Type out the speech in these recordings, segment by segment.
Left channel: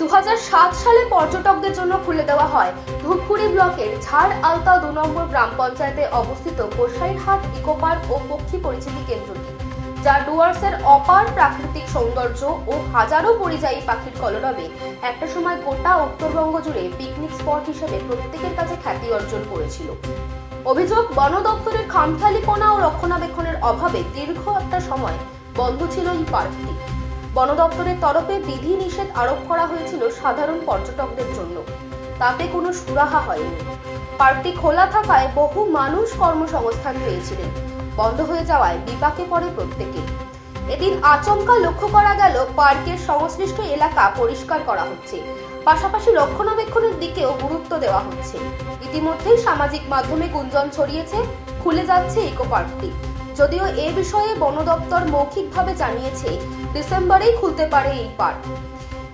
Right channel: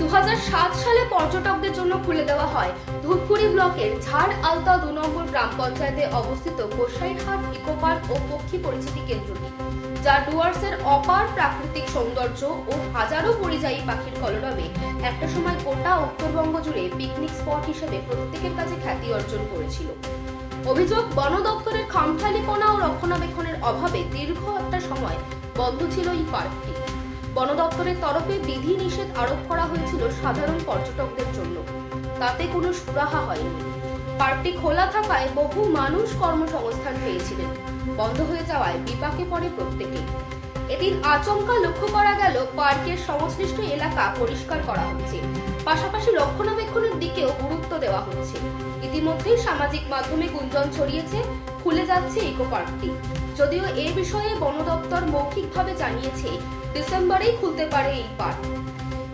দু হাজার সাত সালে পর্যটকদের জন্য খুলে দেওয়া হয় ধূপগুড়ি ব্লকের ঝাড় আলতা দু নম্বর গ্রাম পঞ্চায়েতে অবস্থিত গোসাইরহাট ইকো পার্ক ও পক্ষী পরিচিতি কেন্দ্রটি, যা ডুয়ার্সের অপার প্রাকৃতিক সৌন্দর্য ও হাজারো পরিযায়ী পাখির কলরবে একটা সময় গোটা উত্তরবঙ্গ জুড়ে পিকনিক স্পট হিসেবে প্রত্যেকের কাছে খ্যাতি অর্জন করেছিল। অভিযোগ, বন দপ্তরের খামখেয়ালিপনা ও রক্ষণাবেক্ষণের অভাবে দীর্ঘ একটা সময় বন্ধ ছিল এই পার্কটি। বন দপ্তরের তরফে বিধি নিষেধ আরোপ করা হয়েছিল সাধারণ পর্যটকদের জন্য। তাতে কোনো সুরাহা হয়নি। পার্কটি খোলা থাকায় বহু মানুষ কর্মসংস্থান পেয়েছিলেন। বন্ধ হয়ে যাওয়ায় বিপাকে পড়ে প্রত্যেকে। এদিন আচমকা লক্ষ্য করা গেল পার্কের সংশ্লিষ্ট এলাকা পরিষ্কার করা হচ্ছে। পাশাপাশি রক্ষণাবেক্ষণের দিকেও গুরুত্ব দেওয়া হচ্ছে। ইতিমধ্যেই সামাজিক মাধ্যমে গুঞ্জন ছড়িয়েছে, খুলে যাচ্ছে ইকো পার্কটি। যদিও এ বিষয়ে বন দপ্তর মৌখিকভাবে জানিয়েছে, ডিসেম্বরেই খুলতে পারে এই পার্ক।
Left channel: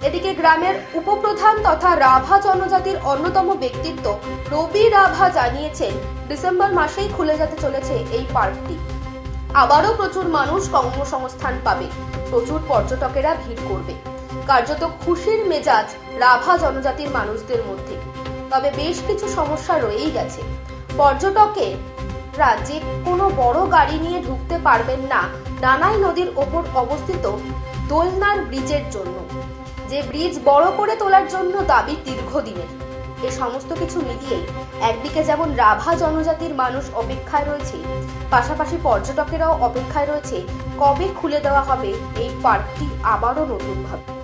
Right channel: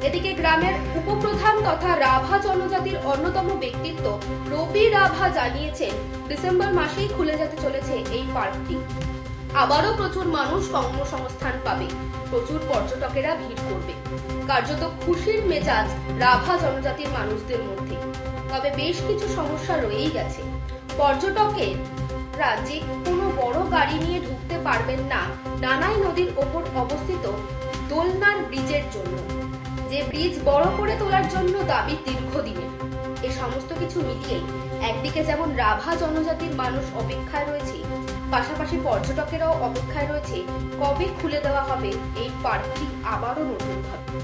এদিকে গ্রামের উপপ্রধান তথা রাভা জনজাতির অন্যতম ব্যক্তিত্ব রবি রাভা জানিয়েছেন, ডিসেম্বর মাসেই খুলে যেতে চলেছে এই পার্কটি। আবারও প্রচুর মানুষ কর্মসংস্থান পাবে, প্রচুর পর্যটকেরা ভিড় করবে। কার্যত খুশির মেজাজ রাভা জনজাতির মানুষদের মধ্যে। তবে বেশ কিছু সমস্যা রয়েই গেছে। পর্যটকেরা যে কোনো বড় গাড়ি নিয়ে ঢুকতে পারবেন না নানাই নদীর ওপর অবস্থিত দোলনার ব্রিজের জন্য। যে ব্রিজ বড় করে তোলার জন্য দাবি দীর্ঘদিনের। এ সমস্ত কিছু মিলিয়েই একদিকে যেমন রাভা জনজাতির মানুষ অপেক্ষায় রয়েছে, পাশাপাশি পর্যটকেরাও অপেক্ষায় রয়েছে, কবে খুলে দেওয়া হবে এই পার্কটি আবারও নতুনভাবে